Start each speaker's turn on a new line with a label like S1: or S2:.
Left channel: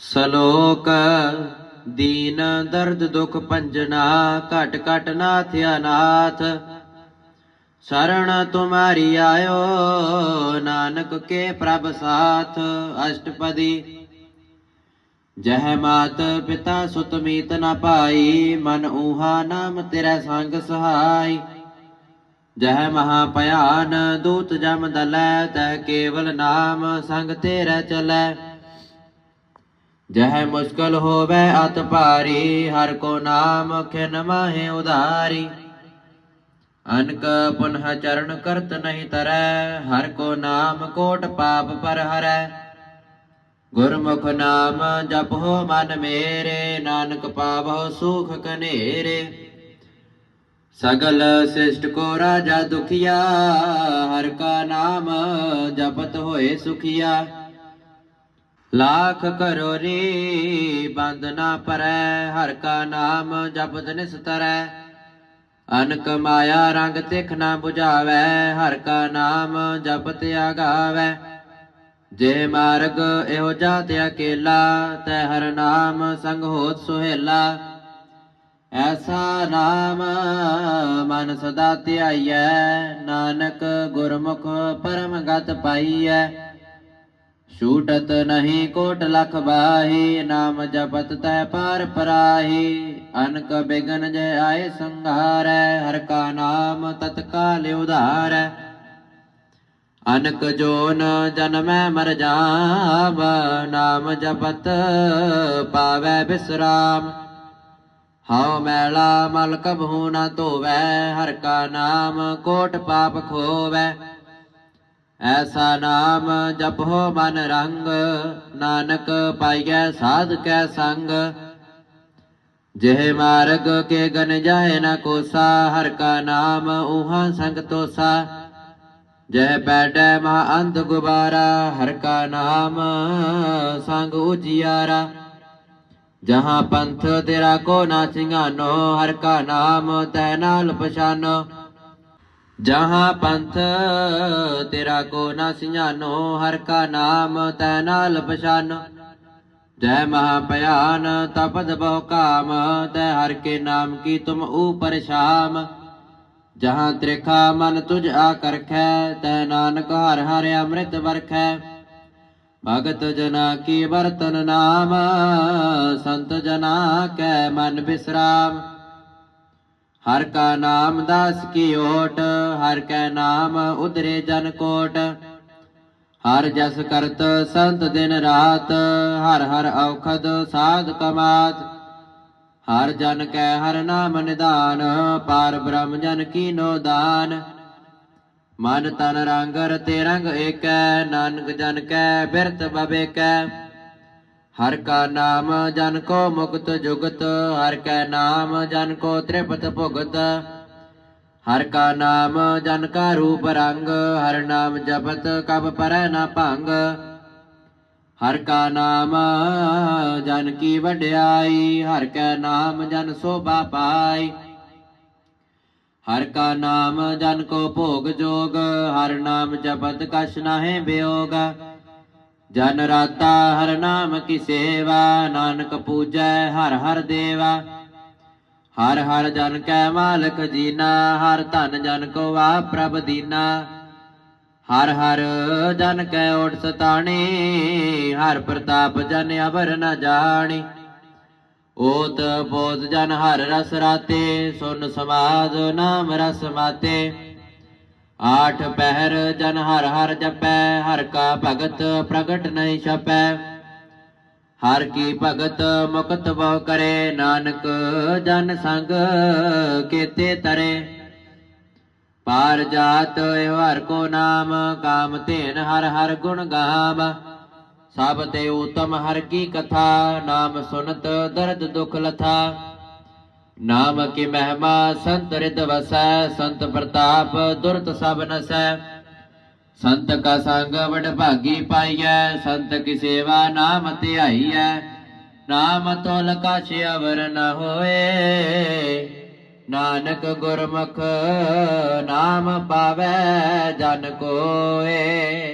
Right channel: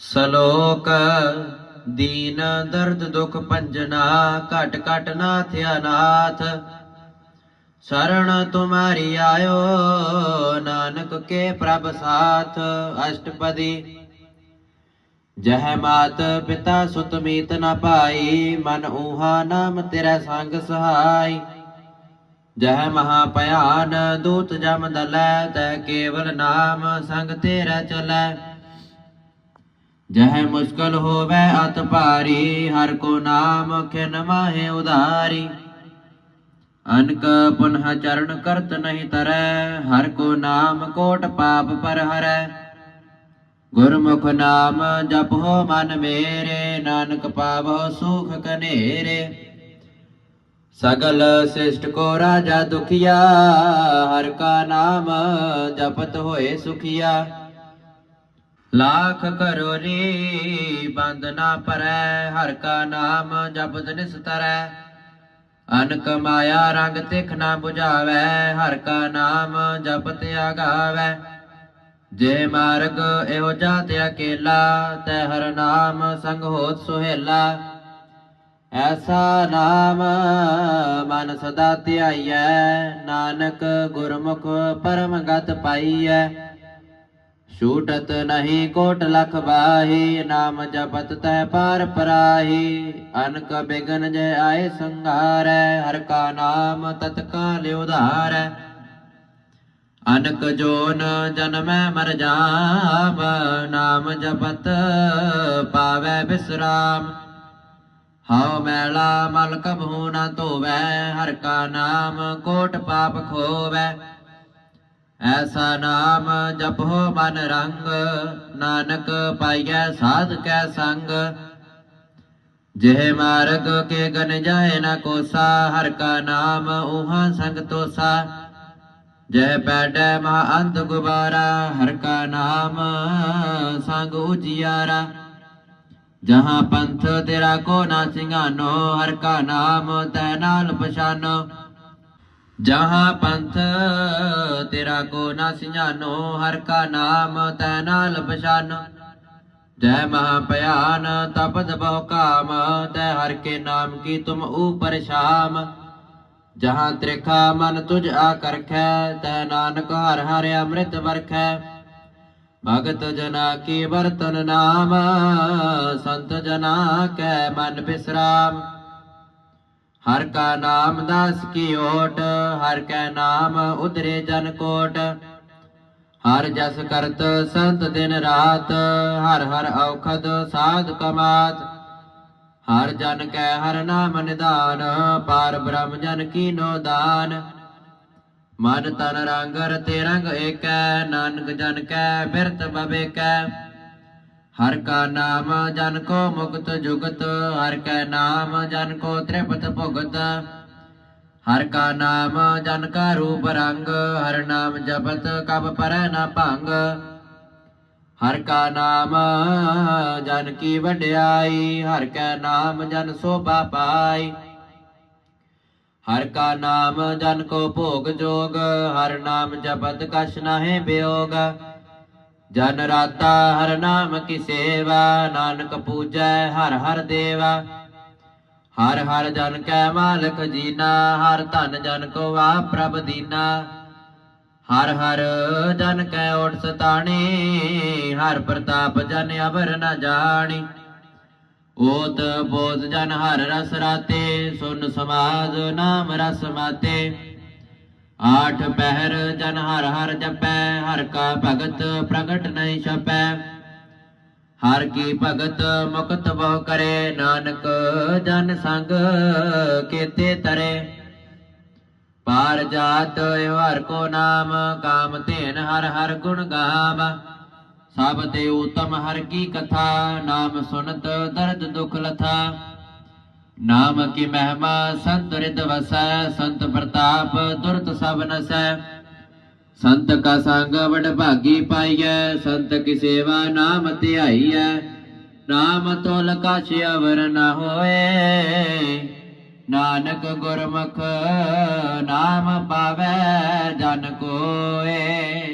S1: ਸ਼ਲੋਕ, ਦੀਨ ਦਰਦ ਦੁਖ ਪੰਜਨਾ ਘਟ ਘਟ ਨਾਥ ਅਨਾਥ। ਸ਼ਰਣ ਤੁਮਾਰੀ ਆਇਓ, ਨਾਨਕ ਕੇ ਪ੍ਰਭ ਸਾਥ। ਅਸ਼ਟਪਦੀ, ਜਹ ਮਾਤ ਪਿਤਾ ਸੁਤ ਮੀਤ ਨ ਪਾਈ, ਮਨ ਊਹਾ ਨਾਮ ਤੇਰਾ ਸੰਗ ਸਹਾਈ। ਜਹ ਮਹਾ ਭਿਆਨ, ਦੂਤ ਜਮ ਦਲੈ, ਤੈ ਕੇਵਲ ਨਾਮ ਸੰਗ ਤੇਰਾ ਚਲੈ। ਜਹ ਮੁਸ਼ਕਲ ਹੋਵੇ ਅਤ ਭਾਰੀ, ਹਰ ਕੋ ਨਾਮ ਖਿਨ ਮਾਹੇ ਉਧਾਰੀ। ਅਨਕ ਪੁਨਹ ਚਰਨ ਕਰਤ ਨਹੀਂ ਤਰੈ, ਹਰ ਕੋ ਨਾਮ ਕੋਟ ਪਾਪ ਪਰ ਹਰੈ। ਗੁਰਮੁਖ ਨਾਮ ਜਪੋ ਮਨ ਮੇਰੇ, ਨਾਨਕ ਪਾਵੋ ਸੁਖ ਕਨੇਰੇ। ਸਗਲ ਸਿਸ਼ਟ ਕੋ ਰਾਜਾ ਦੁਖੀਆ, ਹਰ ਕਾ ਨਾਮ ਜਪਤ ਹੋਏ ਸੁਖੀਆ। ਲਾਖ ਕਰੋ ਰੀ ਬੰਦ ਨਾ ਪਰੈ, ਹਰ ਕਾ ਨਾਮ ਜਪਤ ਨਿਸਤਰੈ ਅਨਕ ਮਾਇਆ ਰੰਗ ਤਿਖ ਨਾ 부ਝਾਵੈ ਹਰ ਕਾ ਨਾਮ ਜਪਤ ਆਗਾਵੈ। ਜੇ ਮਾਰਗ ਇਹੋ ਜਾਤ ਅਕੇਲਾ, ਤੈ ਹਰ ਨਾਮ ਸੰਗ ਹੋਤ ਸੁਹੇਲਾ। ਐਸਾ ਨਾਮ ਮਨ ਸਦਾ ਧਿਆਈਐ, ਨਾਨਕ ਗੁਰਮੁਖ ਪਰਮ ਗਤ ਪਾਈਐ। ਛੂਟਤ ਨਹੀਂ ਕੋਟ ਲਖ ਬਾਹੀ ਨਾਮ ਜਪਤ ਤੈ ਪਾਰ ਪਰਾਹੀ। ਅਨਕ ਬਿਗਨ ਜੈ ਆਏ ਸੰਘਾਰੈ, ਹਰ ਕਾ ਨਾਮ ਤਤਕਾਲ ਉਧਾਰੈ ਅਨਕ ਜੋਨ ਜਨਮੈ ਮਰ ਜਾਵ, ਨਾਮ ਜਪਤ ਪਾਵੈ ਬਿਸਰਾਮ। ਹਉ ਮੈਲਾ ਮਲ ਕਬਹੂ ਨਾ ਧੋਵੈ, ਹਰ ਕਾ ਨਾਮ ਕੋਟ ਪਾਪ ਖੋਵੈ। ਐਸਾ ਨਾਮ ਜਪੋ ਮਨ ਰੰਗ, ਨਾਨਕ ਪਾਈਐ ਸਾਧ ਕੈ ਸੰਗ। ਜਿਹ ਮਾਰਗ ਕੇ ਗਨ ਜਾਏ ਨ ਕੋਸਾ, ਹਰ ਕਾ ਨਾਮ ਉਹਾਂ ਸੰਗ ਤੋਸਾ। ਜਹ ਪੈਡੈ ਮਹਾ ਅੰਤ ਗੁਬਾਰਾ, ਹਰ ਕਾ ਨਾਮ ਸੰਗ ਉਜਿਆਰਾ। ਜਹਾਂ ਪੰਥ ਤੇਰਾ ਕੋ ਨਾ ਸਿੰਘਾਨੋ, ਹਰ ਕਾ ਨਾਮ ਤੈ ਨਾਲ ਪਛਾਨੋ। ਜਹਾਂ ਪੰਥ ਤੇਰਾ ਕੋ ਨਾ ਸਿਆਨੋ ਹਰ ਕਾ ਨਾਮ ਤੈ ਨਾਲ ਪਛਾਨੋ। ਜੈ ਮਹਾ ਭਿਆਨ ਤਪਦ ਬਹੁ ਕਾਮ, ਤੈ ਹਰ ਕੇ ਨਾਮ ਕੀ ਤੁਮ ਊਪਰ ਸ਼ਾਮ। ਜਹਾਂ ਤ੍ਰਿਖਾ ਮਨ ਤੁਝ ਆ ਕਰਖੈ, ਤੈ ਨਾਨਕ ਹਰ ਹਰ ਅੰਮ੍ਰਿਤ ਵਰਖੈ। ਭਗਤ ਜਨਾ ਕੀ ਵਰਤਨ ਨਾਮ, ਸੰਤ ਜਨਾ ਕੈ ਮਨ ਬਿਸਰਾਮ। ਹਰ ਕਾ ਨਾਮ ਦਾਸ ਕੀ ਓਟ, ਹਰ ਕੈ ਨਾਮ ਉਦਰੇ ਜਨ ਕੋਟ। ਹਰ ਜਸ ਕਰਤ ਸੰਤ ਦਿਨ ਰਾਤ, ਹਰ ਹਰ ਔਖਦ ਸਾਧ ਕਮਾਤ। ਹਰ ਜਨ ਕੈ ਹਰ ਨਾਮ ਨਿਦਾਨ ਪਾਰ ਬ੍ਰਹਮ ਜਨ ਕੀਨੋ ਦਾਨ। ਮਨ ਤਨ ਰੰਗ ਰਤੇ ਰੰਗ ਏਕੈ, ਨਾਨਕ ਜਨ ਕੈ ਬਿਰਤ ਬਵੇਕੈ ਹਰ ਕਾ ਨਾਮ ਜਨ ਕੋ ਮੁਕਤ ਜੁਗਤ ਹਰ ਕੈ ਨਾਮ ਜਨ ਕੋ ਤ੍ਰਿਪਤ ਭੁਗਤ ਹਰ ਕਾ ਨਾਮ ਜਨ ਕਾ ਰੂਪ ਰੰਗ ਹਰ ਨਾਮ ਜਪਤ ਕਬ ਪਰੈ ਨਾ ਭੰਗ ਹਰ ਕਾ ਨਾਮ ਜਨ ਕੀ ਵਡਿਆਈ ਹਰ ਕੈ ਨਾਮ ਜਨ ਸੋਭਾ ਪਾਈ ਹਰ ਕਾ ਨਾਮ ਜਨ ਕੋ ਭੋਗ ਜੋਗ ਹਰ ਨਾਮ ਜਪਤ ਕਛ ਨਾਹਿ ਬਿਯੋਗ ਜਨ ਰਾਤਾ ਹਰ ਨਾਮ ਕੀ ਸੇਵਾ, ਨਾਨਕ ਪੂਜੈ ਹਰ ਹਰ ਦੇਵਾ। ਹਰ ਹਰ ਜਨ ਕੈ ਮਾਲਕ ਜੀਨਾ, ਹਰ ਧਨ ਜਨ ਕੋ ਵਾ ਪ੍ਰਭ ਦੀਨਾ। ਹਰ ਹਰ ਜਨ ਕੈ ਓਟ ਸਤਾਣੀ, ਹਰ ਪ੍ਰਤਾਪ ਜਨ ਅਬਰ ਨ ਜਾਣੀ। ਓਤ ਬੋਧ ਜਨ ਹਰ ਰਸ ਰਾਤੇ, ਸੁਨ ਸਮਾਦ ਨਾਮ ਰਸ ਮਾਤੇ। ਆਠ ਪਹਿਰ ਜਨ ਹਰ ਹਰ ਜਪੈ, ਹਰ ਕਾ ਭਗਤ ਪ੍ਰਗਟ ਨਹੀਂ ਛਪੈ। ਹਰ ਕੀ ਭਗਤ ਮੁਕਤ ਬਹੁ ਕਰੇ, ਨਾਨਕ ਜਨ ਸੰਗ ਕੀਤੇ ਤਰੇ। ਪਾਰ ਜਾਤ ਹਰ ਕੋ ਨਾਮ, ਕਾਮ ਧੇਨ ਹਰ ਹਰ ਗੁਣ ਗਾਮ। ਸਭ ਤੇ ਉਤਮ ਹਰ ਕੀ ਕਥਾ, ਨਾਮ ਸੁਨਤ ਦਰਦ ਦੁਖ ਲਥਾ। ਨਾਮ ਕੀ ਮਹਿਮਾ ਸੰਤ ਰਿਤ ਵਸੈ, ਸੰਤ ਪ੍ਰਤਾਪ ਦੁਰਤ ਸਭ ਨਸੈ। ਸੰਤ ਕਾ ਸੰਗ ਵਡ ਭਾਗੀ ਪਾਈਐ, ਸੰਤ ਕੀ ਸੇਵਾ ਨਾਮ ਧਿਆਈਐ। ਨਾਮ ਤੋਲ ਕਾਛ ਅਵਰ ਨ ਹੋਏ। ਨਾਨਕ ਗੁਰਮੁਖ ਨਾਮ ਪਾਵੈ ਜਨ ਕੋਏ।